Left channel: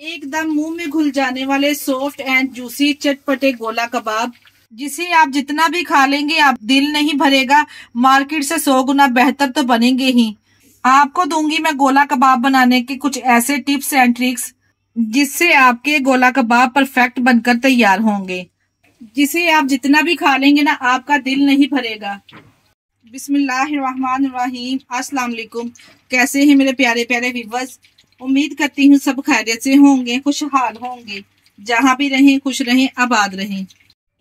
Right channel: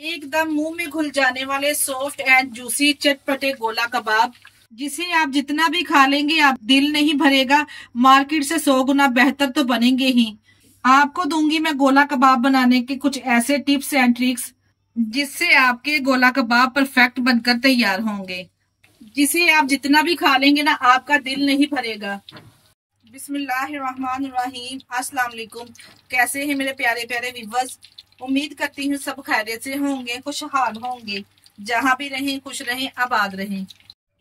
एकदम मुंह में घुल जाने वाले सॉफ्ट एंड जूसी चटपटे गोला कबाब, जिसे आप जितना भी खा लेंगे आप दिल नहीं भरेगा। मार्केट से 100 गुना बेहतर तो बनेंगे ही। आपको दूंगी मैं गोला कबाब बनाने के कुछ ऐसे टिप्स एंड ट्रिक्स जिससे आपके गोला कबाब परफेक्ट बनकर तैयार होंगे, जिसे आप जितना भी खा लेंगे ना आपका दिल नहीं भरेगा। बिस्मिल्लाहिर्रहमानिर्रहीम। अस्सलाम वालेकुम। कैसे हैं मेरे प्यारे प्यारे व्यूअर्स? उम्मीद करती हूँ सब खैरियत से होंगे, खुशहाल होंगे, जहाँ भी रहें खुश रहें, आबाद रहें।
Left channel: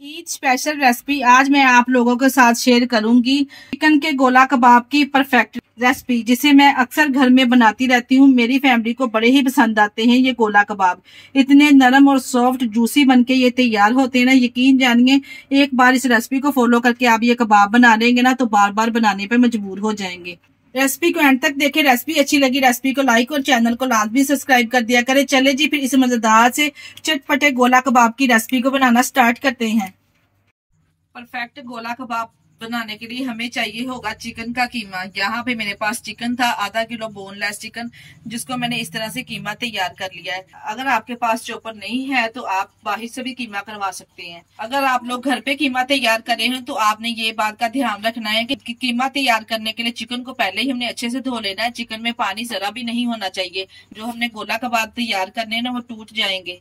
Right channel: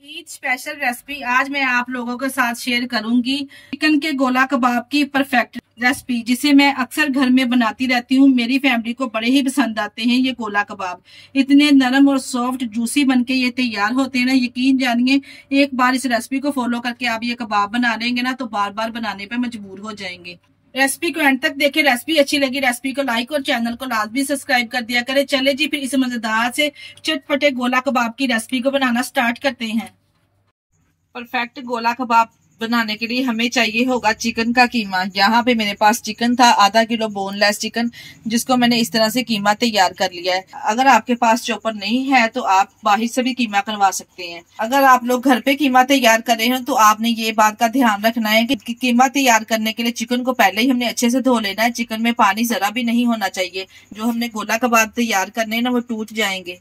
ईद स्पेशल रेसिपी आज मैं आप लोगों के साथ शेयर करूंगी चिकन के गोला कबाब की परफेक्ट रेसिपी, जिसे मैं अक्सर घर में बनाती रहती हूँ। मेरी फैमिली को बड़े ही पसंद आते हैं ये गोला कबाब। इतने नरम और सॉफ्ट जूसी बनके ये तैयार होते हैं ना, यकीन जानिए एक बार इस रेसिपी को फॉलो करके आप ये कबाब बना लेंगे ना तो बार बार बनाने पे मजबूर हो जाएंगे। रेसिपी को एंड तक देखें। रेसिपी अच्छी लगी रेसिपी को लाइक और चैनल को लाजमी सब्सक्राइब कर दिया करें। चले जी फिर इस मजेदार से चटपटे गोला कबाब की रेसिपी को बनाना स्टार्ट करते हैं। परफेक्ट गोला कबाब बनाने के लिए हमें चाहिए होगा चिकन का कीमा। यहाँ पे मेरे पास चिकन था आधा किलो बोनलेस चिकन, जिसको मैंने इस तरह से कीमा तैयार कर लिया है। अगर आपके पास चॉपर नहीं है तो आप बाहर से भी कीमा करवा सकते हैं। अगर आप लोग घर पे कीमा तैयार कर रहे हैं तो आपने ये बात का ध्यान रखना है कि कीमा तैयार करने के लिए चिकन को पहले ही हमने अच्छे से धो लेना है। चिकन में पानी जरा भी नहीं होना चाहिए। जो हमने गोला कबाब तैयार करने हैं ना वो टूट जाएंगे।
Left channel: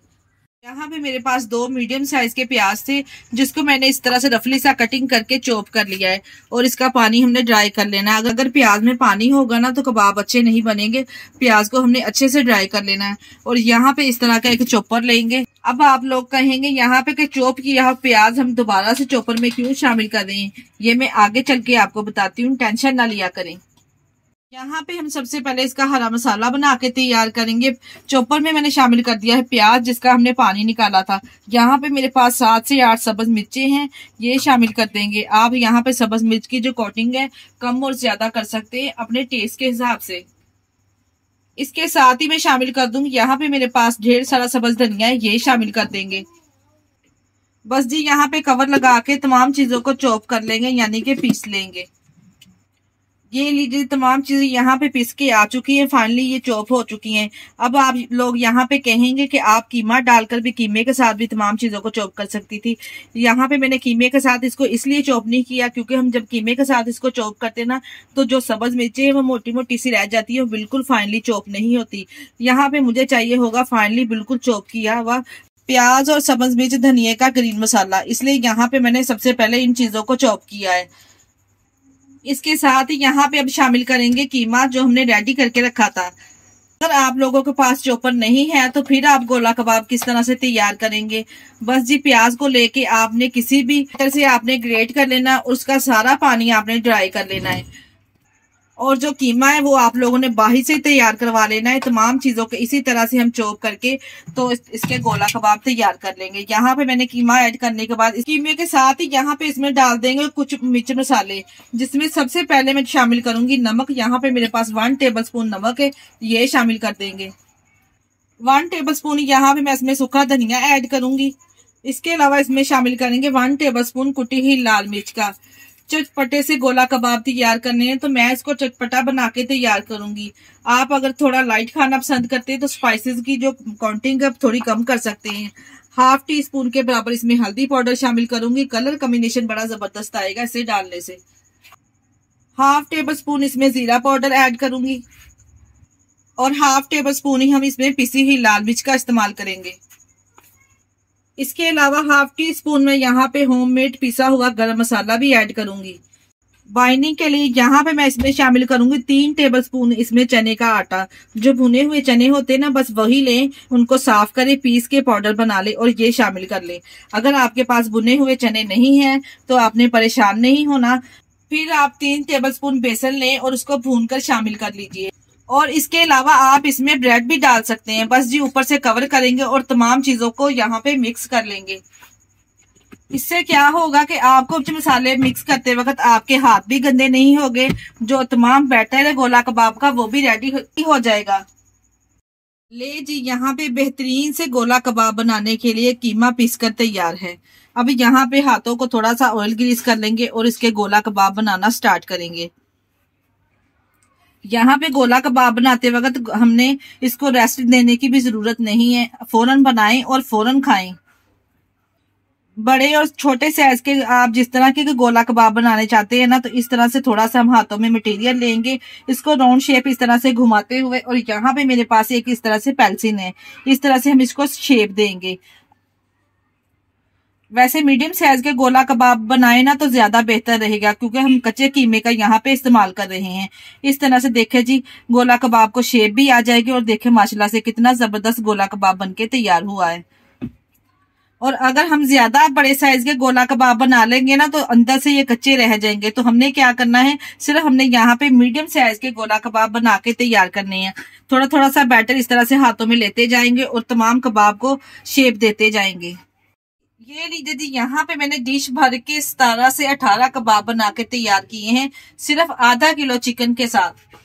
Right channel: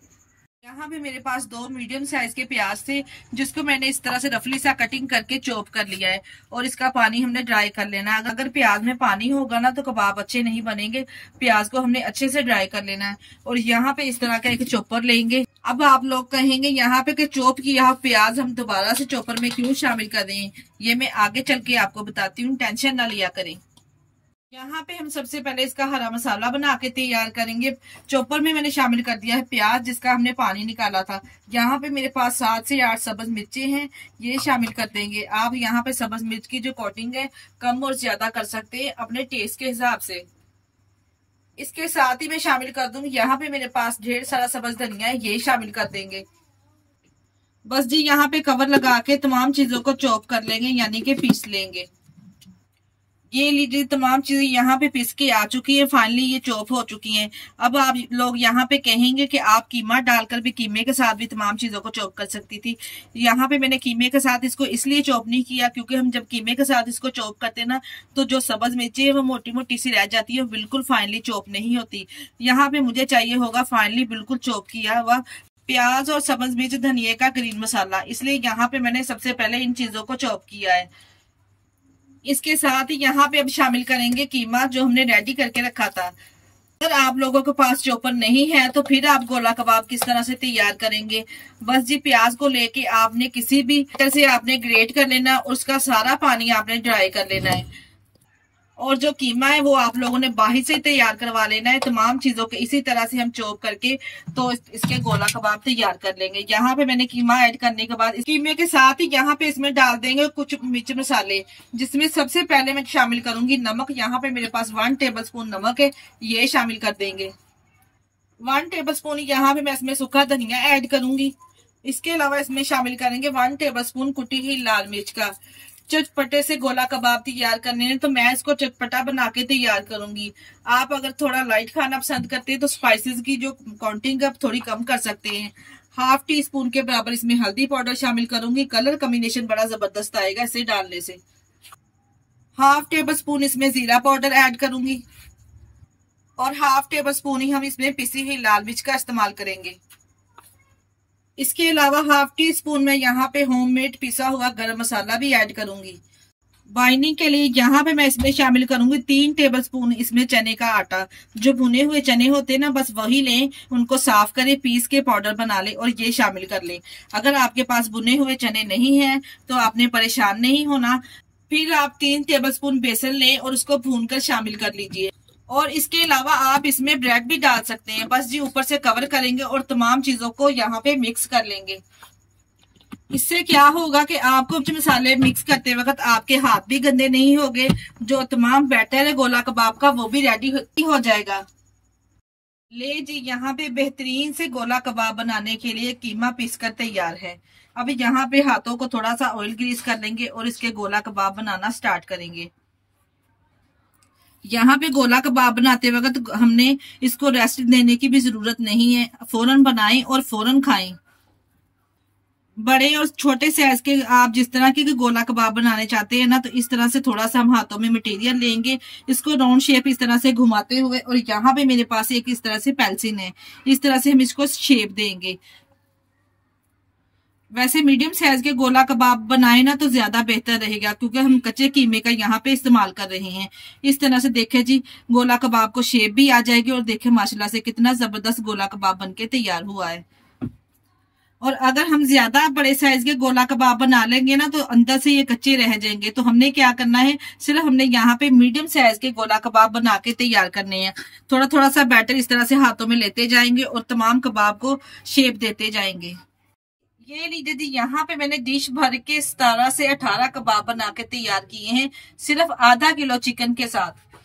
यहाँ पे मेरे पास 2 मीडियम साइज के प्याज थे, जिसको मैंने इस तरह से रफली सा कटिंग करके चॉप कर लिया है और इसका पानी हमने ड्राई कर लेना है। अगर प्याज में पानी होगा ना तो कबाब अच्छे नहीं बनेंगे। प्याज को हमने अच्छे से ड्राई कर लेना है और यहाँ पे इस तरह का एक चॉपर लेंगे। अब आप लोग कहेंगे यहाँ पे कि चॉप किया प्याज हम दोबारा से चॉपर में क्यों शामिल कर दें, ये मैं आगे चल के आपको बताती हूँ, टेंशन ना लिया करें। यहाँ पे हम सबसे पहले इसका हरा मसाला बना के तैयार करेंगे। चॉपर में मैंने शामिल कर दिया है प्याज, जिसका हमने पानी निकाला था। यहाँ पे मेरे पास 7 से 8 सब्ज मिर्चें हैं, ये शामिल कर देंगे। आप यहाँ पे सब्ज मिर्च की जो कोटिंग है कम और ज्यादा कर सकते हैं अपने टेस्ट के हिसाब से। इसके साथ ही मैं शामिल कर दूंगी यहाँ पे मेरे पास ढेर सारा सब्ज धनिया है, ये शामिल कर देंगे। बस जी यहाँ पे कवर लगा के तमाम चीजों को चॉप कर लेंगे, यानी कि पीस लेंगे। ये लीजिए तमाम चीजें यहाँ पे पीस के आ चुकी है, फाइनली ये चॉप हो चुकी हैं। अब आप लोग यहाँ पे कहेंगे कि आप कीमा डालकर भी कीमे के साथ भी तमाम चीजों को चॉप कर सकती थी। यहाँ पे मैंने कीमे के साथ इसको इसलिए चॉप नहीं किया क्योंकि हम जब कीमे के साथ इसको चॉप करते ना तो जो सब्ज मिर्ची है वो मोटी मोटी सी रह जाती है, बिल्कुल फाइनली चॉप नहीं होती। यहाँ पे मुझे चाहिए होगा फाइनली बिल्कुल चॉप किया हुआ प्याज और सब्ज मिर्च धनिया का ग्रीन मसाला, इसलिए यहाँ पे मैंने सबसे पहले इन चीजों को चॉप किया है। इसके साथ ही यहाँ पे अब शामिल करेंगे कीमा जो हमने रेडी करके रखा था। अगर आप लोगों के पास चॉपर नहीं है तो फिर आप गोला कबाब किस तरह से तैयार करेंगे? बस जी प्याज को लेके आपने किसी भी तरह से आपने ग्रेट कर लेना, उसका सारा पानी आपने ड्राई कर लेना है और जो कीमा है वो आप लोगों ने बाहर से तैयार करवा लेना है। तमाम चीजों के इसी तरह से हम चॉप करके तो इसके गोला कबाब तैयार कर लेंगे। यहाँ पे मैंने कीमा ऐड करने के बाद कीमे के साथ ही यहाँ पे इसमें डाल देंगे कुछ मिर्च मसाले, जिसमें सबसे पहले मैं शामिल करूंगी नमक। यहाँ पे मेरे पास 1 टेबल स्पून नमक है, ये शामिल कर देंगे। 1 टेबल स्पून यहाँ पे मैं इसमें सूखा धनिया ऐड करूंगी। इसके अलावा इसमें शामिल करेंगे 1 टेबल स्पून कुटी हुई लाल मिर्च का। चटपटे से गोला कबाब तैयार करने हैं तो मैं इसको चटपटा बना के तैयार करूंगी। आप अगर थोड़ा लाइट खाना पसंद करते हैं तो स्पाइसेस की जो क्वांटिटी है थोड़ी कम कर सकते हैं। 1/2 टीस्पून के बराबर इसमें हल्दी पाउडर शामिल करूंगी। कलर कॉम्बिनेशन बड़ा जबरदस्त आएगा इसे डालने से। 1/2 टेबल स्पून इसमें जीरा पाउडर ऐड करूंगी और 1/2 टेबल स्पून ही हम इसमें पिसी हुई लाल मिर्च का इस्तेमाल करेंगे। इसके अलावा 1/2 टीस्पून में यहाँ पे होममेड पिसा हुआ गरम मसाला भी ऐड करूंगी। बाइंडिंग के लिए यहाँ पे मैं इसमें शामिल करूंगी 3 टेबल स्पून इसमें चने का आटा। जो भुने हुए चने होते हैं ना बस वही लें, उनको साफ करें, पीस के पाउडर बना ले और ये शामिल कर ले। अगर आपके पास भुने हुए चने नहीं है तो आपने परेशान नहीं होना। फिर आप 3 टेबल स्पून बेसन लें और उसको भून कर शामिल कर लीजिए। और इसके अलावा आप इसमें ब्रेड भी डाल सकते हैं। बस जी ऊपर से कवर करेंगे और तमाम चीजों को यहाँ पे मिक्स कर लेंगे। इससे क्या होगा कि आपको मसाले मिक्स करते वक्त आपके हाथ भी गंदे नहीं होंगे। जो तमाम बैटर है गोला कबाब का वो भी रेडी हो जाएगा। ले जी यहाँ पे बेहतरीन से गोला कबाब बनाने के लिए कीमा पीस कर तैयार है। अब यहाँ पे हाथों को थोड़ा सा ऑयल ग्रीस कर लेंगे और इसके गोला कबाब बनाना स्टार्ट करेंगे। यहाँ पे गोला कबाब बनाते वक्त हमने इसको रेस्ट देने की भी जरूरत नहीं है, फौरन बनाएं और फौरन खाएं। बड़े और छोटे साइज के आप जिस तरह के गोला कबाब बनाने चाहते हैं ना, तो इस तरह से थोड़ा सा हम हाथों में मटेरियल लेंगे, इसको राउंड शेप इस तरह से घुमाते हुए, और यहाँ पे मेरे पास एक इस तरह से पेंसिल है, इस तरह से हम इसको शेप देंगे। वैसे मीडियम साइज के गोला कबाब बनाए ना तो ज्यादा बेहतर रहेगा, क्योंकि हम कच्चे कीमे का यहाँ पे इस्तेमाल कर रहे हैं। इस तरह से देखे जी गोला कबाब को शेप भी आ जाएगी, और देखे माशाल्लाह से कितना जबरदस्त गोला कबाब बनके तैयार हुआ है। और अगर हम ज्यादा बड़े साइज के गोला कबाब बना लेंगे ना तो अंदर से ये कच्चे रह जाएंगे। तो हमने क्या करना है, सिर्फ हमने यहाँ पे मीडियम साइज के गोला कबाब बना के तैयार करने हैं। थोड़ा थोड़ा सा बैटर इस तरह से हाथों में लेते जाएंगे और तमाम कबाब को शेप देते जाएंगे। ये लीजिए जी, यहाँ पे मैंने डिश भर के 17 से 18 कबाब बना के तैयार किए हैं, सिर्फ आधा किलो चिकन के साथ।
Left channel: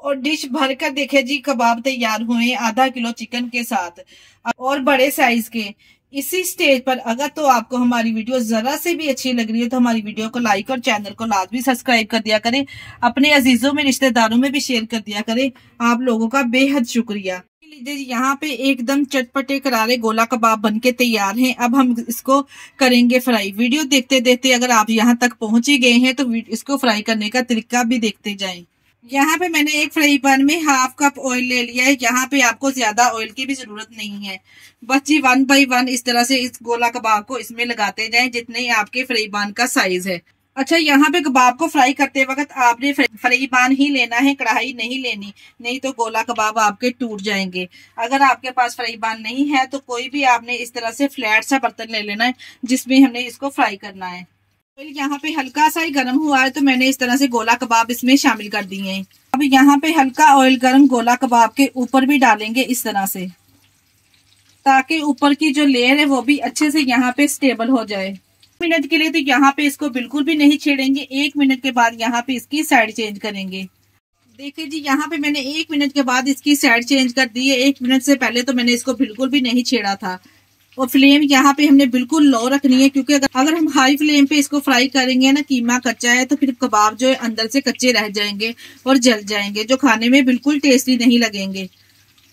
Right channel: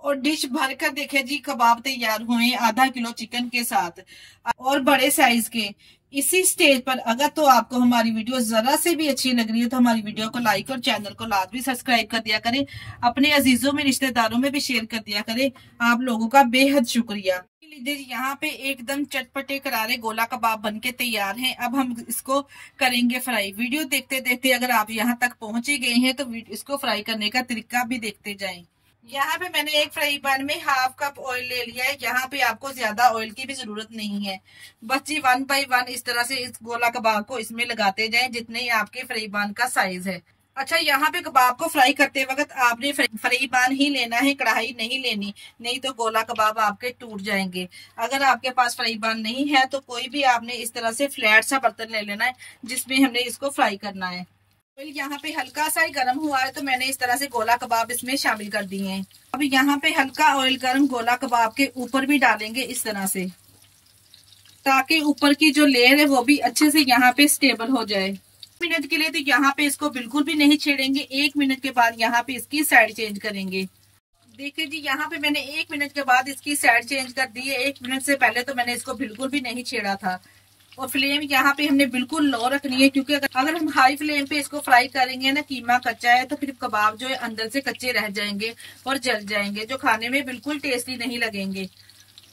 और डिश भर कर देखे जी कबाब तैयार हुए आधा किलो चिकन के साथ और बड़े साइज के। इसी स्टेज पर अगर तो आपको हमारी वीडियो जरा से भी अच्छी लग रही है तो हमारी वीडियो को लाइक और चैनल को लाजमी सब्सक्राइब कर दिया करें, अपने अजीजों में रिश्तेदारों में भी शेयर कर दिया करें। आप लोगों का बेहद शुक्रिया। यहाँ पे एकदम चटपटे करारे गोला कबाब बनके तैयार हैं। अब हम इसको करेंगे फ्राई। वीडियो देखते देखते अगर आप यहाँ तक पहुंच ही गए हैं तो इसको फ्राई करने का तरीका भी देखते जाएं। यहाँ पे मैंने एक फ्राई पैन में हाफ कप ऑयल ले लिया है। यहाँ पे आपको ज्यादा ऑयल की भी जरूरत नहीं है, बस जी 1 बाई 1 इस तरह से इस गोला कबाब को इसमें लगाते जाएं जितने आपके फ्राई पैन का साइज है। अच्छा, यहाँ पे कबाब को फ्राई करते वक्त आपने फ्राई पैन ही लेना है, कढ़ाई नहीं लेनी, नहीं तो गोला कबाब आपके टूट जाएंगे। अगर आपके पास फ्राई पैन नहीं है तो कोई भी आपने इस तरह से फ्लैट सा बर्तन ले लेना है जिसमें हमने इसको फ्राई करना है। यहाँ पे हल्का सा ही गर्म हुआ है तो मैंने इस तरह से गोला कबाब इसमें शामिल कर दिए हैं। अब यहाँ पे हल्का ऑयल गर्म गोला कबाब के ऊपर भी डालेंगे इस तरह से, ताकि ऊपर की जो लेयर है वो भी अच्छे से यहाँ पे स्टेबल हो जाए। मिनट के लिए तो यहाँ पे इसको बिल्कुल भी नहीं छेड़ेंगे। 1 मिनट के बाद यहाँ पे इसकी साइड चेंज करेंगे। देखिए जी, यहाँ पे मैंने 1 मिनट के बाद इसकी साइड चेंज कर दी है। 1 मिनट से पहले तो मैंने इसको बिल्कुल भी नहीं छेड़ा था। और फ्लेम यहाँ पे हमने बिल्कुल लो रखनी है, क्योंकि अगर हम हाई फ्लेम पे इसको फ्राई करेंगे ना, कीमा कच्चा है तो फिर कबाब जो है अंदर से कच्चे रह जाएंगे और जल जाएंगे, जो खाने में बिल्कुल टेस्टी नहीं लगेंगे।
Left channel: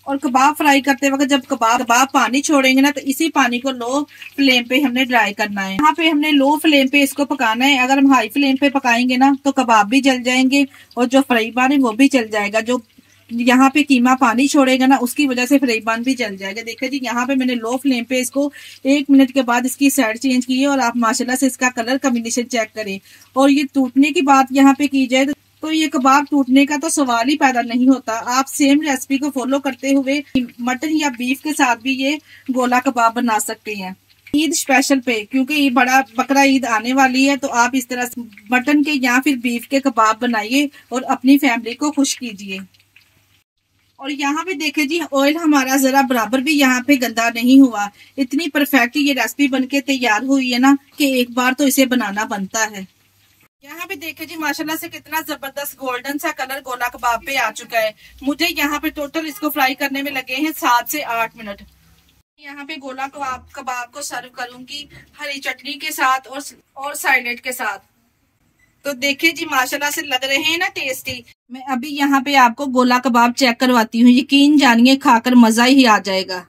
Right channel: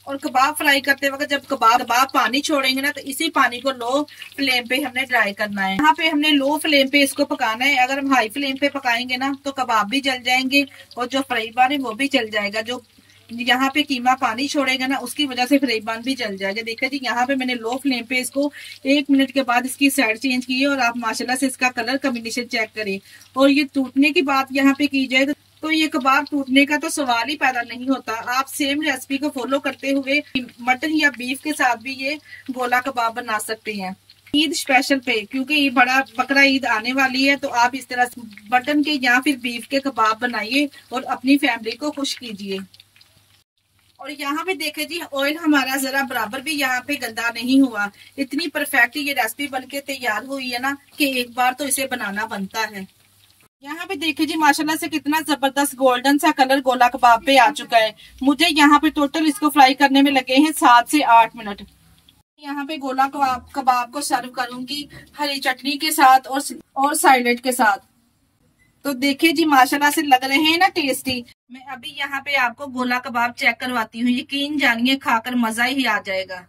और कबाब फ्राई करते वक्त जब कबाब पानी छोड़ेंगे ना तो इसी पानी को लो फ्लेम पे हमने ड्राई करना है। यहाँ पे हमने लो फ्लेम पे इसको पकाना है। अगर हम हाई फ्लेम पे पकाएंगे ना तो कबाब भी जल जाएंगे और जो फ्राई पैन है वो भी जल जाएगा। जो यहाँ पे कीमा पानी छोड़ेगा ना उसकी वजह से फ्राई पैन भी जल जाएगा। देखिए जी, यहाँ पे मैंने लो फ्लेम पे इसको 1 मिनट के बाद इसकी साइड चेंज की है और आप माशाल्लाह से इसका कलर कॉम्बिनेशन चेक करें। और ये टूटने की बात यहाँ पे की जाए तो ये कबाब टूटने का तो सवाल ही पैदा नहीं होता। आप सेम रेसिपी को फॉलो करते हुए मटन या बीफ के साथ भी ये गोला कबाब बना सकते हैं। ईद स्पेशल पे, क्योंकि ये बड़ा बकरा ईद आने वाली है, तो आप इस तरह से मटन के या फिर बीफ के कबाब बनाइए और अपनी फैमिली को खुश कीजिए। और यहाँ पे देखे जी, ऑयल हमारा जरा बराबर भी यहाँ पे गंदा नहीं हुआ। इतनी परफेक्ट ये रेसिपी बनके तैयार हुई है ना कि एक बार तो इसे बनाना बनता है। यहाँ पे देखे जी, माशाल्लाह से कितना जबरदस्त गोल्डन सा कलर गोला कबाब पे आ चुका है। मुझे यहाँ पे टोटल इसको फ्राई करने में लगे हैं 7 से 8 मिनट। यहाँ पे गोला कबाब को सर्व करूंगी हरी चटनी के साथ और सैलेड के साथ। तो देखिए जी, माशाल्लाह से लग रहे हैं ना टेस्टी। मैं अभी यहाँ पे आपको गोला कबाब चेक करवाती हूँ, यकीन जानिए खाकर मजा ही आ जाएगा।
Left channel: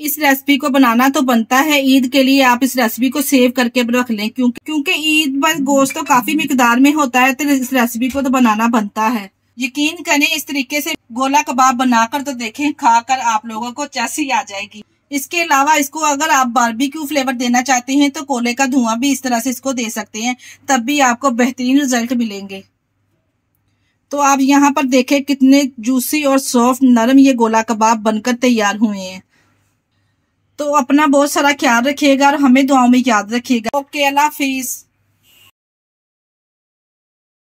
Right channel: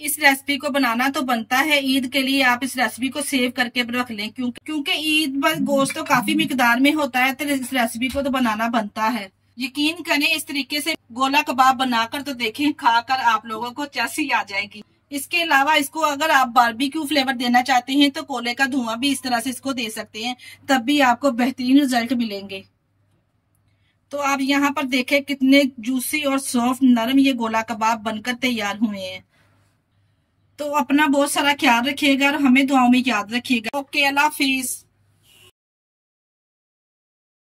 इस रेसिपी को बनाना तो बनता है, ईद के लिए आप इस रेसिपी को सेव करके रख लें, क्योंकि ईद पर गोश्त तो काफी मिकदार में होता है, तो इस रेसिपी को तो बनाना बनता है। यकीन करें, इस तरीके से गोला कबाब बनाकर तो देखें, खाकर आप लोगों को चस्सी आ जाएगी। इसके अलावा इसको अगर आप बारबेक्यू फ्लेवर देना चाहते हैं तो कोले का धुआं भी इस तरह से इसको दे सकते हैं, तब भी आपको बेहतरीन रिजल्ट मिलेंगे। तो आप यहाँ पर देखें कितने जूसी और सॉफ्ट नरम ये गोला कबाब बनकर तैयार हुए हैं। तो अपना बहुत सारा ख्याल रखिएगा और हमें दुआओं में याद रखिएगा। ओके, अल्लाह हाफिज।